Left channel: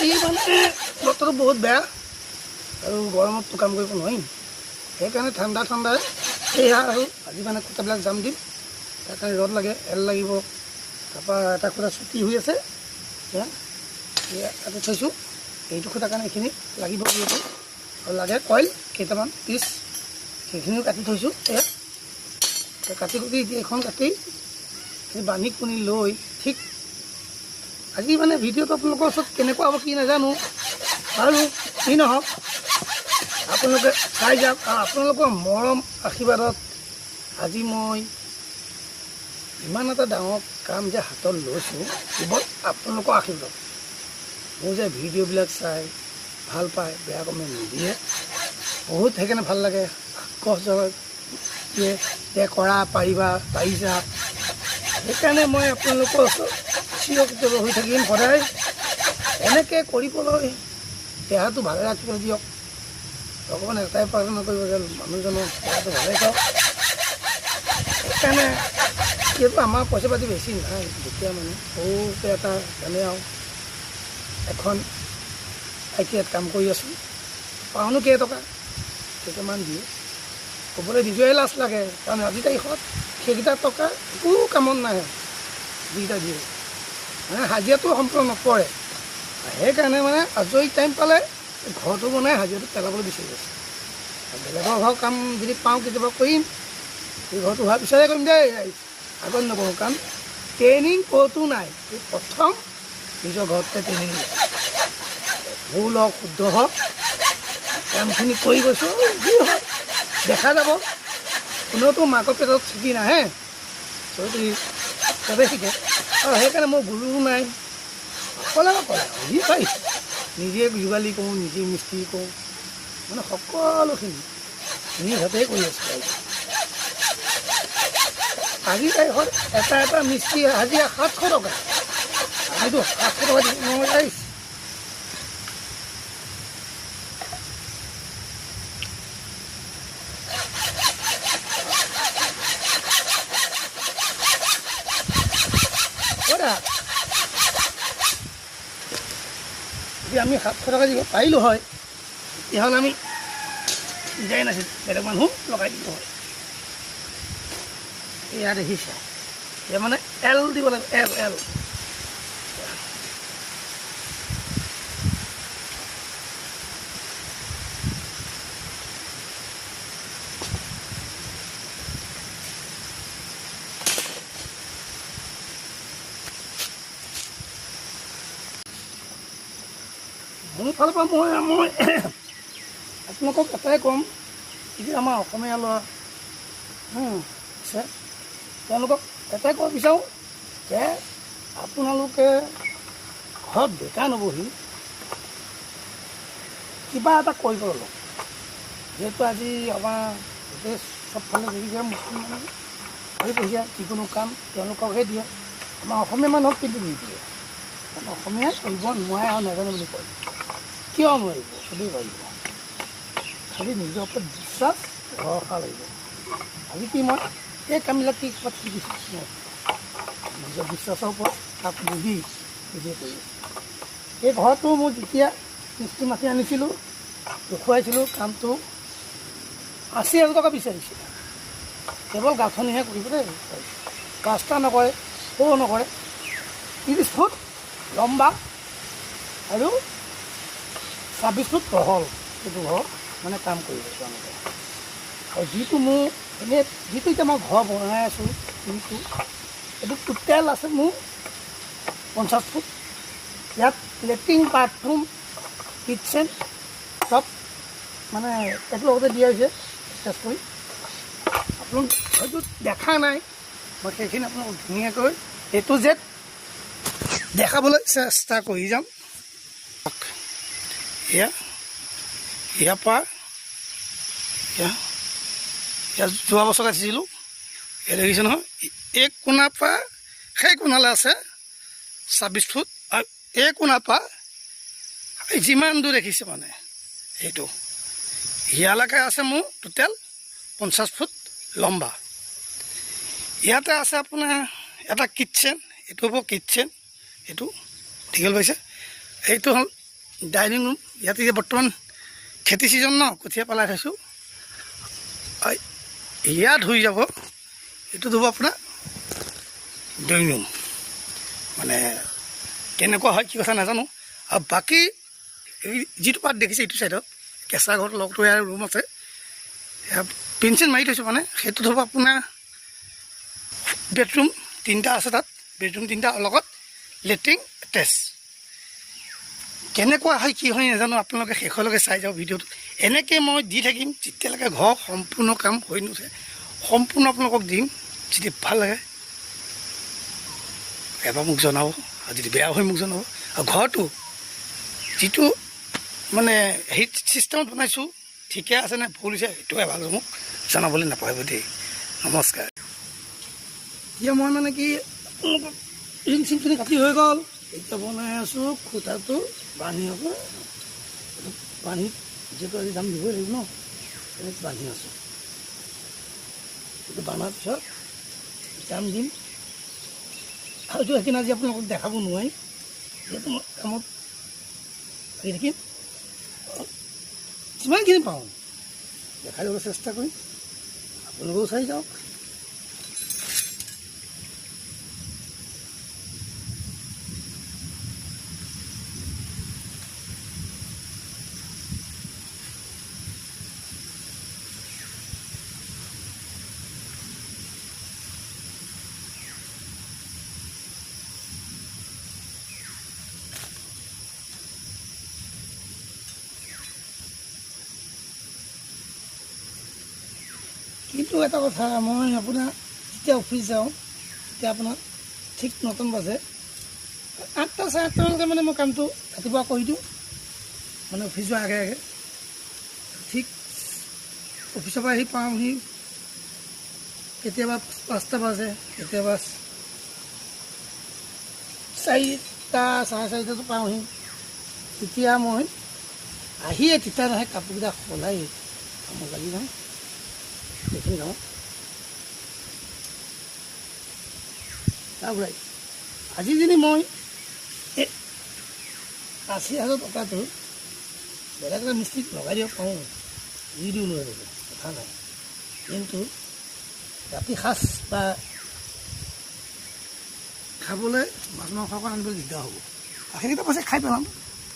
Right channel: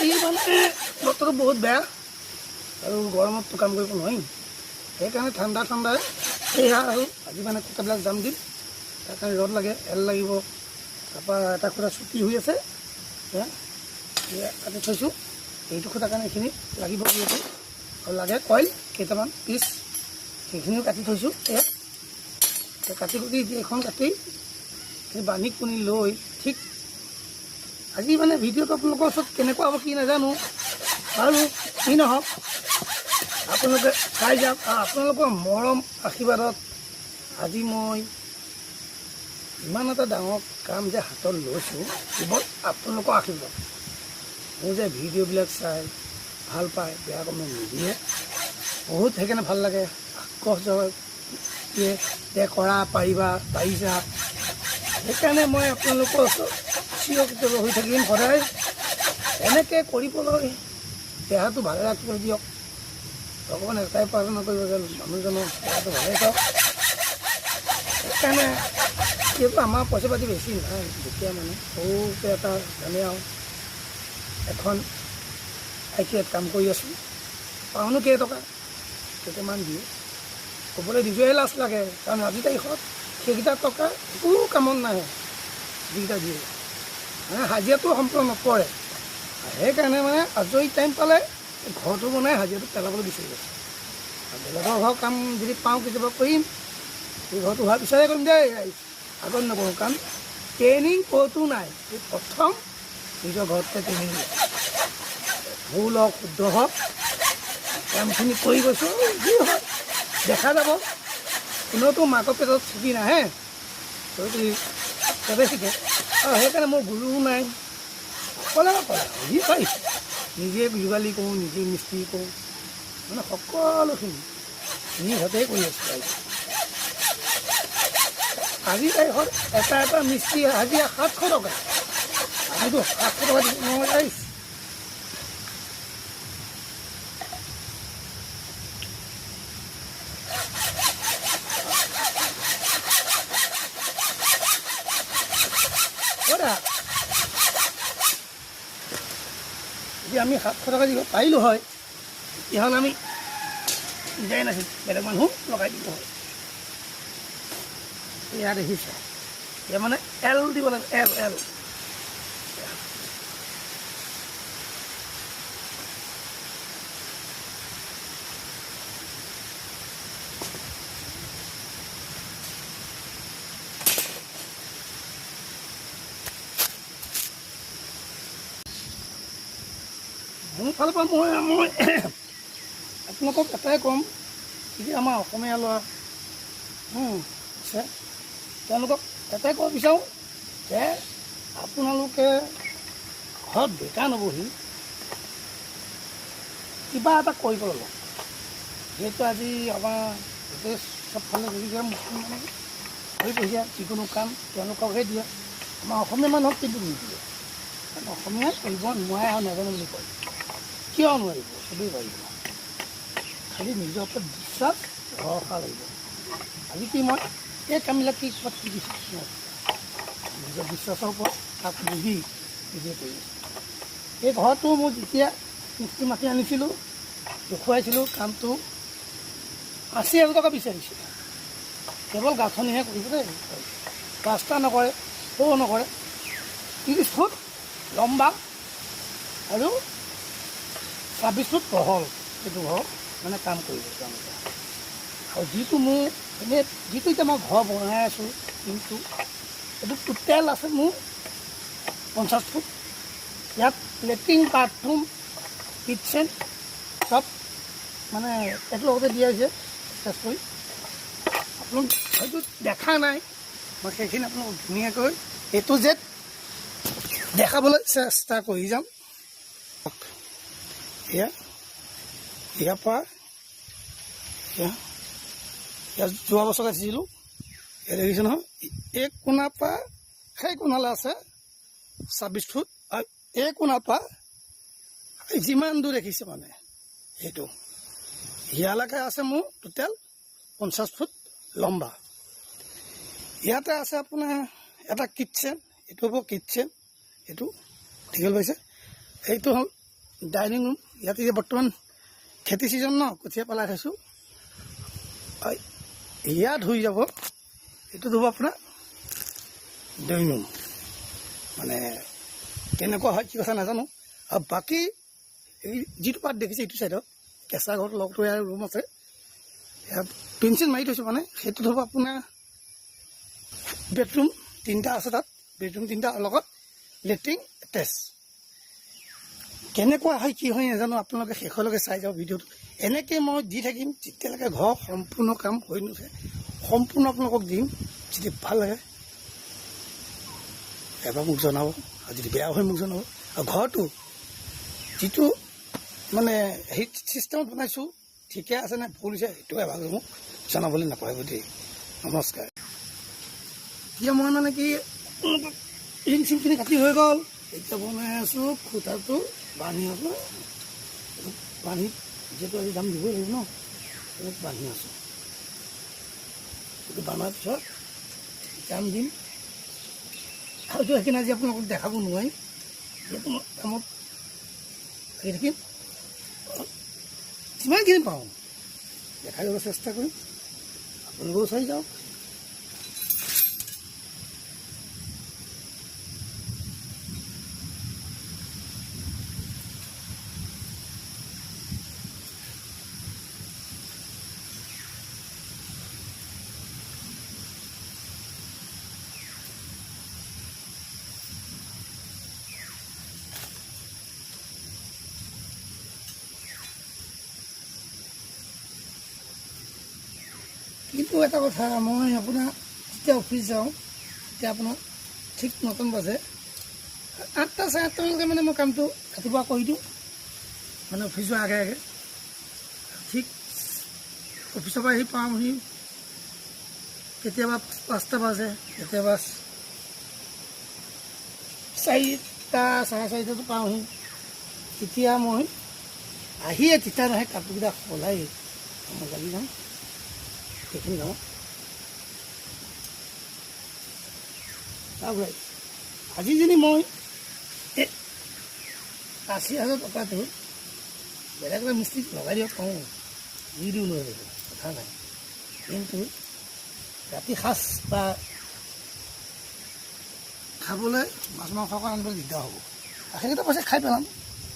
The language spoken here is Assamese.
আজি মানে বতৰটো বহুত বেয়া আৰু গৰমততো কাম কৰিব নোৱাৰিম, সেইকাৰণে ঠাণ্ডা সেয়া আৰু আজি মানে খুঁটাবিলাক জাম দিম। তাৰ কাৰণে ৰদ লাগে, এল লাগিব, তাৰপৰা এটা খুঁটা চুটি হৈ আছে, কাটি থৈছোঁ। এইটো খুঁটাৰ কাৰণে এইখিনি লাগিব যিহেতু আৰু লাগে কইল কেইটামান পিচ, সেইখিনিও কাটি থৈছোঁ। এয়া কাটি এইখন কাটি বান্ধি কুনি লৈ ঠিক আজি মানে ভিডিঅ'টো আপোনালোকৰ ওচৰত কেনেকুৱা হ'ব কি নাজানো, আৰু কি নহওক আপোনালোকে চাই যাওক। আপোনালোকৰ মৰম আশীৰ্বাদত আজি মই ইমান এটা ডাঙৰ কাম যে হাতত লৈছোঁ, কেৱল আপোনালোকৰ আশীৰ্বাদ। মোৰ যে ভিডিঅ'বিলাক চাই ভাল পায়, বেয়া কমেণ্ট নিদিয়ে, বহুত সেইকাৰণে ভাল লাগে, আগ্ৰহজনক দিয়ে যে কৰা পাৰিছা। সেইকাৰণে মই আপোনালোকৰ ওচৰত চিৰকৃতজ্ঞ হৈ থাকিম সদায়। এনেকৈ কৰিবলৈ দেহাটো ভালে ৰাখিব দিয়ক। ভগৱান এটাই প্ৰাৰ্থনা কৰিব যে মানুহজনৰ দেহাটো ভালে থাকক। সেইকাৰণে যিহেতু আমাৰ পইচা পাতি বেছি নহয়, যেতিয়া মানে সৰুকৈ এটা জানে আৰু এখন ITIত কাম কৰি আছোঁ, পাওঁনো কেইটকা কেইটামান দিয়ে ক'বলৈ নিজৰে লাজ লাগে, কাৰণ আজিৰ তাৰিখত সেইকেইটা টকা একো কামত নাহে যিকেইটা দিয়ে, মানে হাজিৰাটো সম্পূৰ্ণ নপৰে। সেইকাৰণে মানে আজৰি টাইম পালে ঘৰটো বনাই হাজিৰাটো পেলাবলৈ বিচাৰি আছোঁ। বেলেগৰ ঘৰৰ কাম যদি পাওঁ কেতিয়াবা কৰিম, ঘৰটো হোৱাৰ পিছতে কৰিম দেই, আগত নকৰোঁ। কাৰণ ট্ৰেইনিং ক'তো নাই, এই প্ৰথম নিজৰ ঘৰতে ট্ৰেইনিং দিয়ে। ভুল হওক শুদ্ধ হওক কামখিনি কৰি গৈছোঁ, যি হয় দেখা যাব। কোনেওতো মাকৰ পেটত শিকি নাহে, চবেই শিকে। আৰু সেইকাৰণে মোৰ গুৰুও নাই, অকলে যি পাৰি নিজে যোগালী কৰোঁ, নিজে মিস্ত্ৰী কৰোঁ, মানে সকলোখিনি নিজ হাতেই কৰি আছোঁ। আজিৰ তাৰিখত এটা মিস্ত্ৰী হাজিৰা 700 টকা, আমিতো 700 টকা দিব নোৱাৰিছোঁ। যদি আমি 700 টকা দিব পাৰিলোঁ হয়, তেতিয়াহ'লে আমি দিয়াই নাছিল, বেলেগ মানুহ লগাই দিব হয়। এয়া দেখিছে, এতিয়া মানে এল দিব লাগিব, এল মোৰ ফালৰ পৰা মই আপোনালোকক এটাই ক'ম, এতিয়া আমাৰ অসমীয়া ল'ৰা আছে, তেওঁলোকক এটাই ক'ব বিচাৰোঁ যে আপোনালোকে ঘৰত বেকাৰ নবহি কিবা এটা কৰিব ল'ব। যিহেতু আজি আমাৰ গোটেই চবফালে দেখিছে মুছলমান বঢ়িয়া, যিকোনো কাম তেওঁলোককহে দিয়ে, আমাৰ অসমীয়া মানুহক কিন্তু নিদিয়ে। অসমীয়াই কৰিব নোৱাৰে আৰু নাজানে বুলি কয়। কিয় নোৱাৰিব? চবেই পাৰিব, খালি নিজৰ ওপৰত বিশ্বাস ভৰসা লাগিব। আজি কি মই এই কামবিলাক কি ক'ৰবাত শিকিছোঁ, নিজৰ বিশ্বাসৰ ওপৰত তাক বুজি নিজে কৰি এই ঘৰটো মোৰ যেতিয়া মিস্ত্ৰী মাতি আনিছিলোঁ, দেখুৱাইছিলোঁ, কামটো 80,000 টকা বিচাৰিছোঁ। কেৱল গাঁথনিহে কৰিব দেই, প্লাষ্টাৰ নকৰে, সৰু নকৰে, 30 ফুট লম্বা আৰু 26 ফুট বহল, সেইটো ঘৰ মানে কাম কৰিব তেওঁলোকে। আৰু যিটো মোৰ এনেই যিটো এতিয়া মই ঘৰ বনাই আছোঁ, কিন্তু এইটো টোটেল আছে মোৰ 50 ফুট। ইয়াত লেট্ৰিন, বাথৰুম, কিটচেন চব মানে এইটো লগতে দিয়া হৈছে চেছ কৰি। আপোনালোক হয়তো দেখা নাই, মই সেইখিনি আপোনালোকক ধুনীয়াকৈ A to Z দেখাবলৈ চেষ্টা কৰি যাম। ইয়াৰ পৰা যোৱা বছৰ গাঠিছিলোঁ, এই দেখিছে নহয়, এই কোণাৰ পৰা সেই কোণালৈ আছে 26 ফুট, আৰু এই কোণাৰ পৰা যিমান দূৰ দেখিছে মানে সেইটো ইয়ালৈকে আছে মোৰ টোটেল 50 ফুট লম্বা। ইয়াতে আছে আপোনাৰ এটা কিটচেন, এইটো হ'ব কিটচেন, এইটো দীঘল পাইছে, এইটো হ'ল ডাইনিং ৰুম। ইয়াতে এতিয়া বৰ্তমান খেতি ছিজন ন, কঠীয়া পেলাই থৈছোঁ। ইয়াত হৈ যাব, এইটো হ'ব আপোনাৰ ড্ৰয়িং ৰুম। মানে কেনেকুৱা হয় কি কথা নাজানো। আৰু বাকী এই যিটো পাত দেখিছে এইটো ছাইডত কেঁচা ঘৰত লগতো ইয়াৰ ৰুম আছে, পেঞ্চিল মাৰি থৈছোঁ। মানে সেইটোত হ'ব আপোনাৰ বেডৰুম 3টা আছে তাত, বেডৰুম 3টা লগত লেট্ৰিন এটেচ। কেনেকুৱা হয় কি হয় নাজানো, আপোনালোকে শেষলৈকে চাই যাওক ভিডিঅ'টো। এনেকৈ মই দি থাকিম যেতিয়ালৈকে ঘৰ সম্পূৰ্ণ কাম হৈ নুঠে। সম্পূৰ্ণ আপোনালোকক দিম, যদি ভাল লাগে এবাৰ মোক জনাব, আৰু যদি বেয়া হয় মোক জনাব। আৰু ঘৰটো যিটো মানে হিট ছিষ্টেমত বনাইছোঁ ঠিকে আছে নে ভুল হৈছে সেইটো এবাৰ মোক জনাবলৈ নাপাহৰিব দেই। নমস্কাৰ। এতিয়া মই মানে কি আপোনালোকক ৰিং চিংখিনি কাটি হৈ গ'ল, এতিয়া বনাই আছোঁ খুঁটাটো বান্ধি আছোঁ। বান্ধি যিহেতু আজি দাম দিবই লাগিব ন, বান্ধি আছোঁ। এইটো বান্ধাৰ পিছত জাম দিম। আৰু এইটো সেইখিনি আজি আপোনালোকক দেখাব নোৱাৰি, যিহেতু মই কামত কৰি থাকিম। যিমানখিনি পাওঁ দেখাই যাবলৈ চেষ্টা কৰিম, আপোনালোকেও চাই যাওক। কিন্তু এটা কথা, মই আপোনাৰ যেতিয়া অফিচ যাওঁ তেতিয়া আপোনাৰ ঠিক 9টা বাজে, 8টা 8:30মানকৈ মানে মই কামটো ৰাতিপুৱা কৰি দিওঁ, মানে অফিচ যোৱাৰ আগে আগে। ঠিক অফিচৰ পৰা আহি পাওঁহি কেতিয়াবা 5টা বাজে, কেতিয়াবা 4টা 4:30টাতো পাওঁহি। তেতিয়া মই আহিয়ে তিতাহে কাপোৰকেইটা সলাই মই লাগি যাওঁ। এইখিনি গাঁৱত তাৰপৰাই আজি যদি মই 80,000 টকাটো বেলেগ এটা মিস্ত্ৰীক লগাই দিব পাৰোঁ, দি দিওঁ নোৱাৰিব, কথা নাই। কিন্তু ৰাতি সাঁজ বা খাবলৈ মাছ মাংস আনিবলৈ দিগদাৰ হ'ব। সেইকেইটা পইচা খাই পেলাম।